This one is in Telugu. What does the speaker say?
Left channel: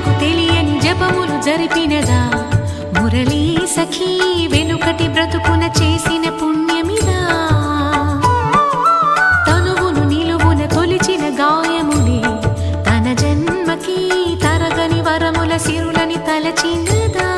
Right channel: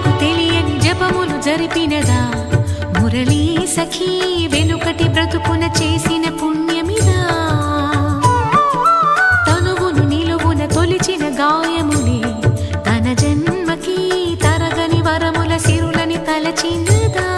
జనులకు తెలియని జపములు జరిపినదా మురళీ సఖీ వెనుకటి బ్రతుకున చేసిన పుణ్యమిదా తనువును నిలువున తొలిచిన గాయములే తన జన్మకి తరగని వరముల సిరులని తలచినదా